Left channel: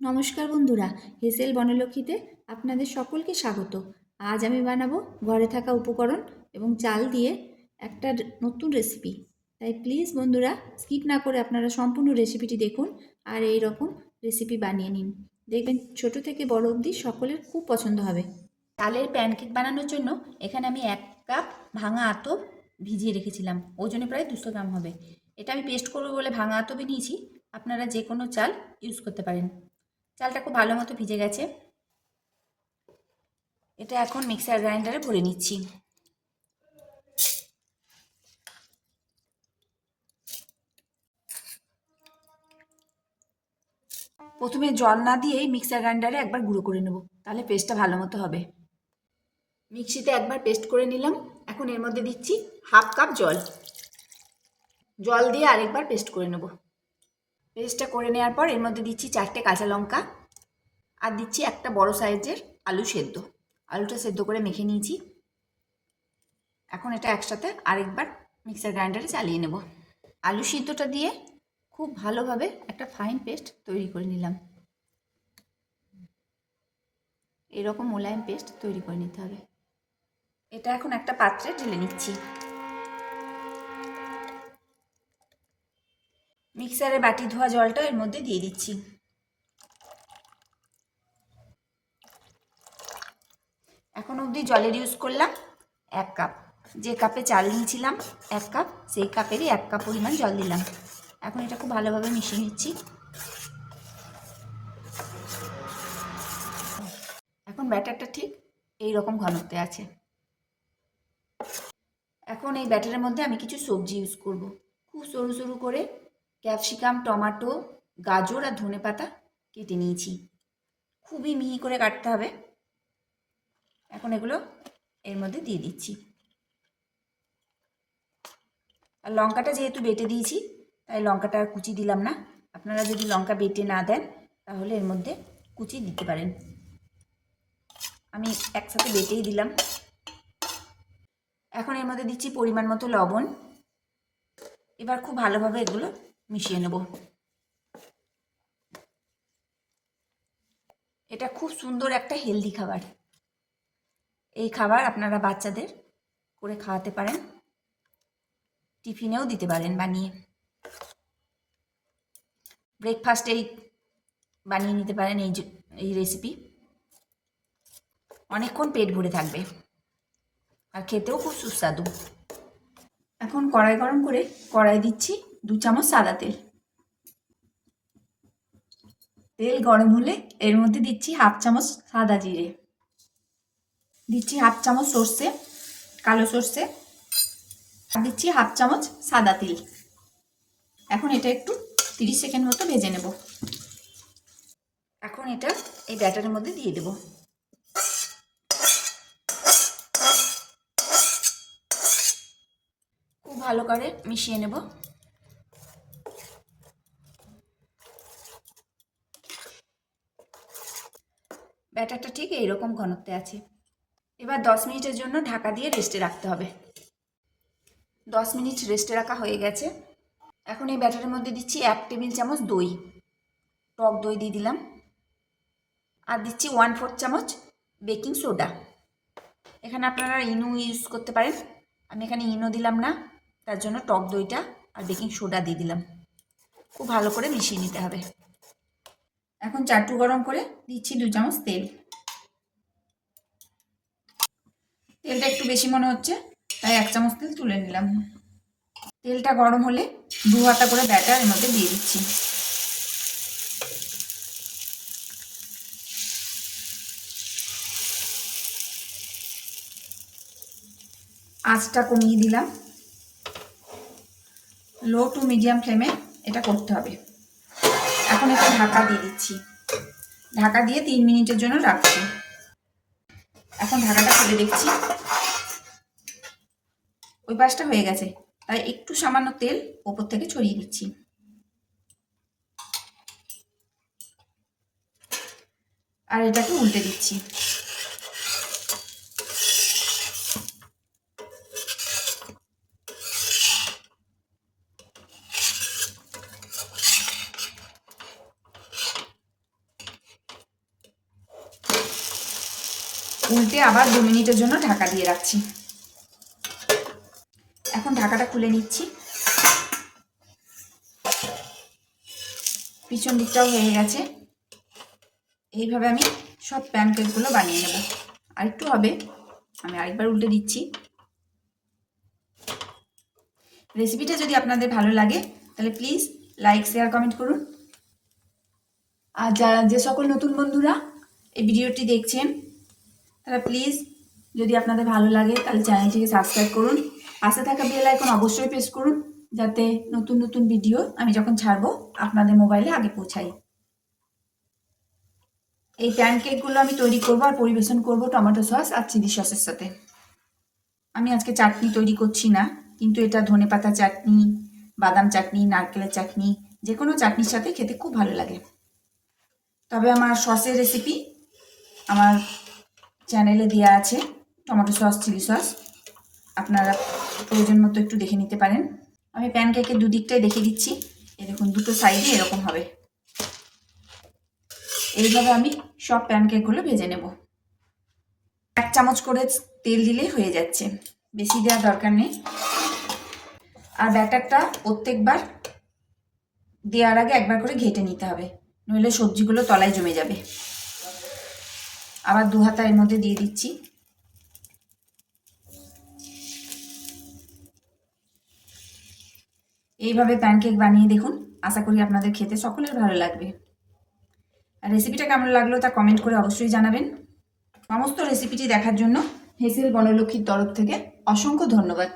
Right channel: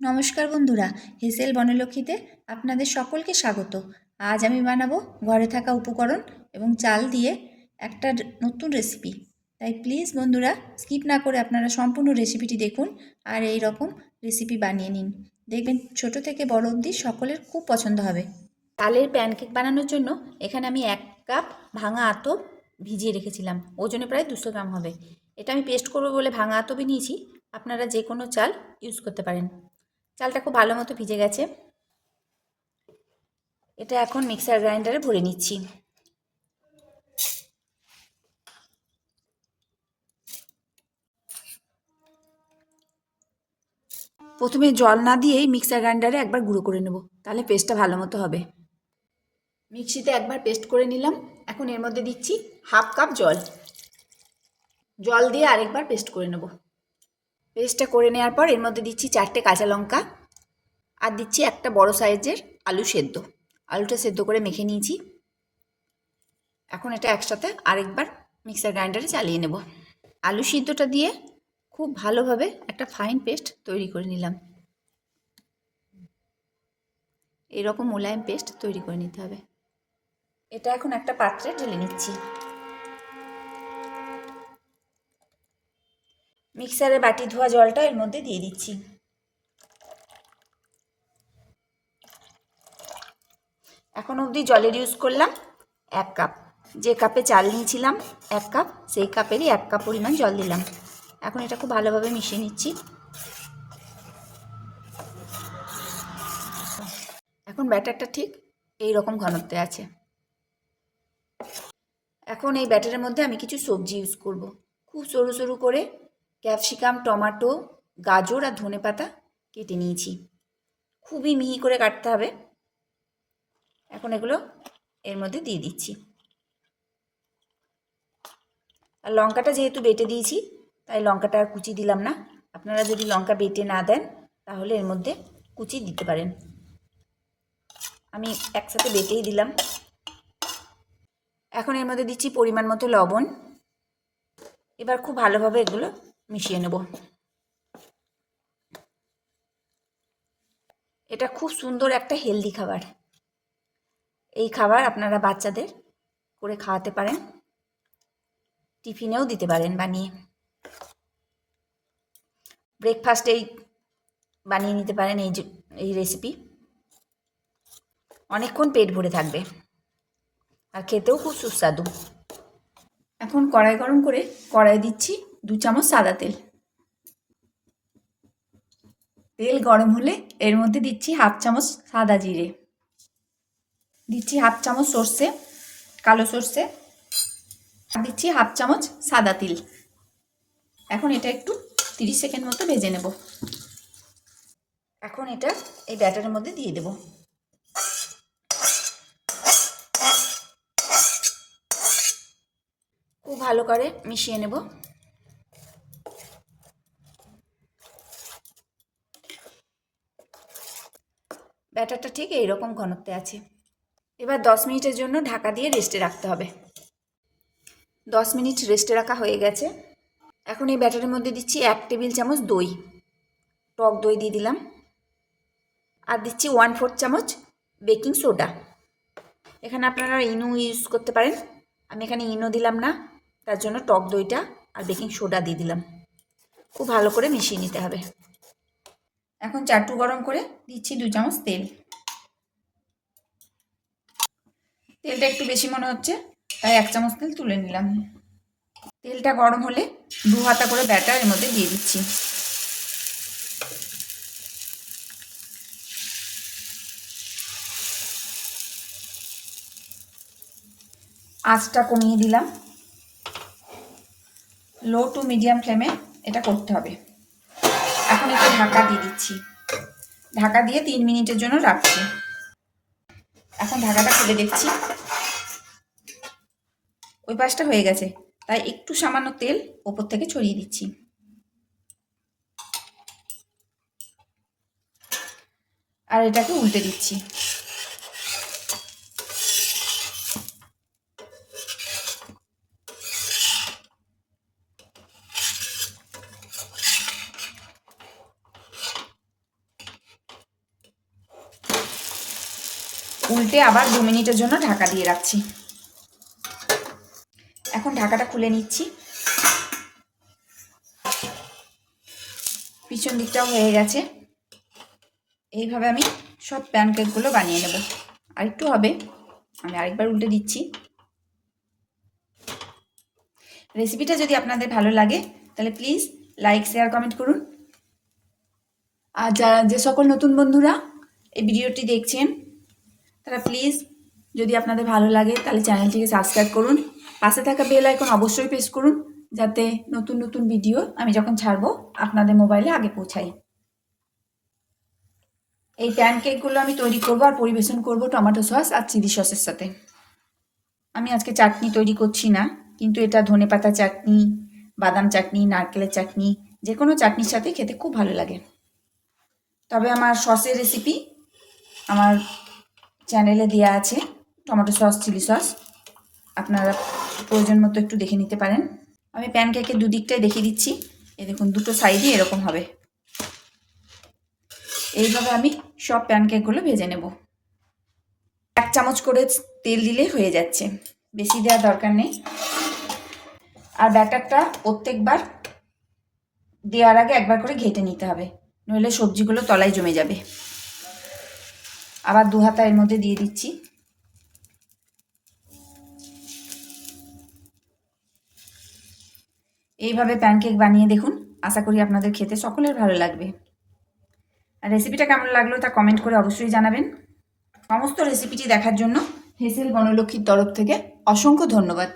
নমস্কার বন্ধুরা, হেসেল বনলক্ষ্মীতে আপনাদের সকলকে স্বাগত। আজ আমি বানাবো ঘরে থাকা উপকরণ এবং চাল দিয়ে একটা নতুন রেসিপি। তাই প্লিজ বন্ধুরা স্কিপ না করে আপনারা সম্পূর্ণ রেসিপিটি দেখুন আর এই রকম রেসিপি বানিয়ে নিন। দেখবেন ছোট থেকে বড় অবধি সকলের খুব পছন্দ হবে। চালের প্যানকেক বানানোর জন্য এখানে আমি 1 কাপ ভাঙা আতপ ভিজিয়ে রেখেছিলাম, ওজনে প্রায় 200 গ্রাম হবে। এটা আমি পেস্ট করবো বলে ভাঙা আতপই নিয়েছি, আপনারা যে কোনো চাল ইউজ করতে পারেন। চালটা খুব ভালো মতো ভিজে গেছে, এটা এখন মিক্সার গ্রাইন্ডারে ভরে নিচ্ছি। প্রথমে জল না দিয়েই মিক্সার গ্রাইন্ডারে একবার গুঁড়ো করে নেব, তাহলে পেস্টটা ভালো মতো হবে। মিক্সিতে একবার পেস্ট করে নিলাম, এখন এর মধ্যে দিচ্ছি হাফ কাপ জল। জল দিয়ে আরেকবার পেস্ট করে নেব। পেস্টটা করে নেওয়ার পর এর মধ্যে দিচ্ছি 4টে কাঁচা লঙ্কা আর দিচ্ছি একটা বড় সাইজের আলু সেদ্ধ। আলুটা সেদ্ধ করে মেখে নিয়েছি। এখন এটা একসাথে আরেকবার মিক্সার গ্রাইন্ডারে চালিয়ে নেব। আলু সিদ্ধটা দিয়ে খুব ভালোভাবে একটা ফাইন পেস্ট তৈরি করে নিলাম। এরকম মোলায়েম পেস্ট তৈরি করে নিতে হবে। এটা এখন একটা পাত্রে ঢেলে নিচ্ছি। মিক্সারে বাটি ধোয়া জলটা এর মধ্যে দিয়ে দিচ্ছি। এখন অবধি জলের ইউজ করলাম 1 কাপ। যে কাপে চাল নিয়েছিলাম 1 কাপ, সেই কাপেরই 1 কাপ পরিমাণ জল দিলাম। এখন এটা খুব ভালোভাবে মিশিয়ে নিচ্ছি। এখন ব্যাটারটা ঠিক এই রকম ঘনত্বে আছে। এখন এই ব্যাটারের মধ্যে আমি কিছু সবজি ইউজ করব। খুব সরু সরু করে ক্যাপসিকাম, টমেটো, গাজর আর ধনেপাতা কেটে নিয়েছি। খুবই মিহি করে কাটতে হবে। এখন এগুলো এর মধ্যে দিয়ে দিচ্ছি। আর লঙ্কাটা যেহেতু বেটে দিয়েছি তাই লঙ্কাটা আর কুচি দিলাম না। আপনারা যদি লঙ্কা বেটে না দেন তাহলে এর মধ্যে কুচি দিতে পারেন। আমি একসাথে বেটেই দিলাম। এখন এর মধ্যে দিচ্ছি পরিমাণ মতো লবণ। এবার খুব ভালোভাবে এগুলো মিশিয়ে নেব। এটা খুব সুন্দর একটা হেলদি খাবার। এই খাবার আপনারা বাচ্চাদের করে খাওয়াতে পারেন, টিফিনেও দিতে পারেন বানিয়ে। ব্রেকফাস্টেই বানিয়ে নিতে পারেন এই রেসিপি। অনেকক্ষণ পেট ভরে থাকবে আর খেতেও খুব সুস্বাদু। এখন কড়াই গরম করে কড়াই দিচ্ছি 2 চামচ সাদা তেল। তেল গরম হলে এর মধ্যে দিচ্ছি হাফ চামচ সাদা জিরে, দিচ্ছি হাফ চামচ সর্ষে, কালো সর্ষে, আর দিচ্ছি হাফ চামচ সাদা তিল। এখন এটা একটু 30 সেকেন্ড মতো ভেজে নেব। এখন এটা এই ব্যাটারের মধ্যে দিয়ে দেব। খুব ভালো করে মিশিয়ে নেব। ব্যাটারটা ঠিক এইরকম ঘনত্বে আছে। এবার 10 মিনিটের জন্য ঢাকা দিয়ে রেস্টে রাখতে হবে। 10 মিনিট রেস্টে রাখা হয়ে গেছে। এখন এই ব্যাটারের মধ্যে দিচ্ছি 1 টেবিল চামচ দই, টক দই দিয়ে দিলাম। আর দিচ্ছি 1/4 চামচ বেকিং সোডা। এখানে আপনারা ইনো ইউজ করতে পারেন, আমি এখানে ইনো দিলাম না, তার জন্য টক দইটা আর বেকিং সোডা দিয়ে দিলাম। খুব ভালো করে মিশিয়ে নিতে হবে। এখন চাটু গরম করে দিচ্ছি 2 চামচ তেল। তেলটা একটু বেশি মনে হচ্ছে তাই 1 চামচ তেল তুলে নিলাম। তেলটা গরম হলে 2 হাতা করে ব্যাটার এর মধ্যে দিয়ে দিচ্ছি। আঁচটা কমিয়ে দিলাম। লো টু মিডিয়াম ফ্লেমে এটা করতে হবে। এখন একটু ঢাকা দিয়ে দিচ্ছি। ঢাকা দিয়ে 3 মিনিটের জন্য রাখছি। এখন ঢাকাটা খুলে দেখছি, ওই পাশটা হয়ে গেছে, তাই একটু সামান্য তেল ওপর থেকে ছড়িয়ে দিচ্ছি। আর এটাকে উল্টে দিচ্ছি। উল্টে আবার 2 মিনিটের জন্য ঢাকা দিয়ে রাখছি। এখন ঢাকাটা খুলে নিচ্ছি। পিছন দিকটাও হয়ে গেছে। এইভাবে আমি সব প্যানকেকগুলো বানিয়ে নেব। আরেকটু হবে, আমি আরেকবার উল্টে দিচ্ছি। রেসিপিটা যদি আপনাদের ভালো লাগে তাহলে প্লিজ লাইক, শেয়ার, কমেন্ট করুন। আর যে সকল নতুন বন্ধুরা এই ভিডিওটি দেখছেন তারা প্লিজ, যদি আপনাদের ভালো লাগে তাহলে চ্যানেলটিকে সাবস্ক্রাইব করুন। পাশে থাকা বেল আইকন অবশ্যই প্রেস করুন, যাতে নতুন নতুন ভিডিও আমি যখন ছাড়বো আপনাদের মোবাইলে আগে পৌঁছাই। এই প্যানকেকগুলো আমি তৈরি করব আর পরিবেশন করব টমেটো সস আর চিলি সসের সাথে। আমি আজকে চাটনি তৈরি করছি না, কিন্তু এটা ধনেপাতা চাটনি, বাদাম চাটনি, নারকেলের চাটনি, যে কোনো চাটনির সাথে খেতে খুব ভালো লাগে। তবে আমার সসের রেসিপি আমার চ্যানেলে দেওয়া আছে, টমেটো সস, চিলি সস, আপনারা প্রয়োজন মতো একটু দেখে নিতে পারেন। আমি প্যানকেকের দুদিকটাই দেখিয়ে দিচ্ছি। এই দেখুন, দুটো সাইডই এরকম হবে। এইভাবে আমি সব প্যানকেকগুলো ভেজে নেব। 1 চামচ করে তেল দিলেই হয়ে যাচ্ছে, বেশি দেওয়ার দরকার নেই। আর ব্যাটারটা প্রত্যেকবার দেওয়ার আগে একবার করে ঘেটে নিতে হবে, নইলে সবজিগুলো তলায় জমে যাবে। আবার 2 হাতা এর মধ্যে দিয়ে দিচ্ছি। এইভাবে প্যানকেক বানিয়ে দেখুন, আশা করি আপনাদের খেতে সকলের ভালো লাগবে। আর রেসিপিটা কেমন লাগলো তা কমেন্ট করে অবশ্যই জানাবেন। সমস্ত রেসিপিটি দেখার জন্য হেসেল বনলক্ষ্মীর তরফ থেকে অসংখ্য ধন্যবাদ।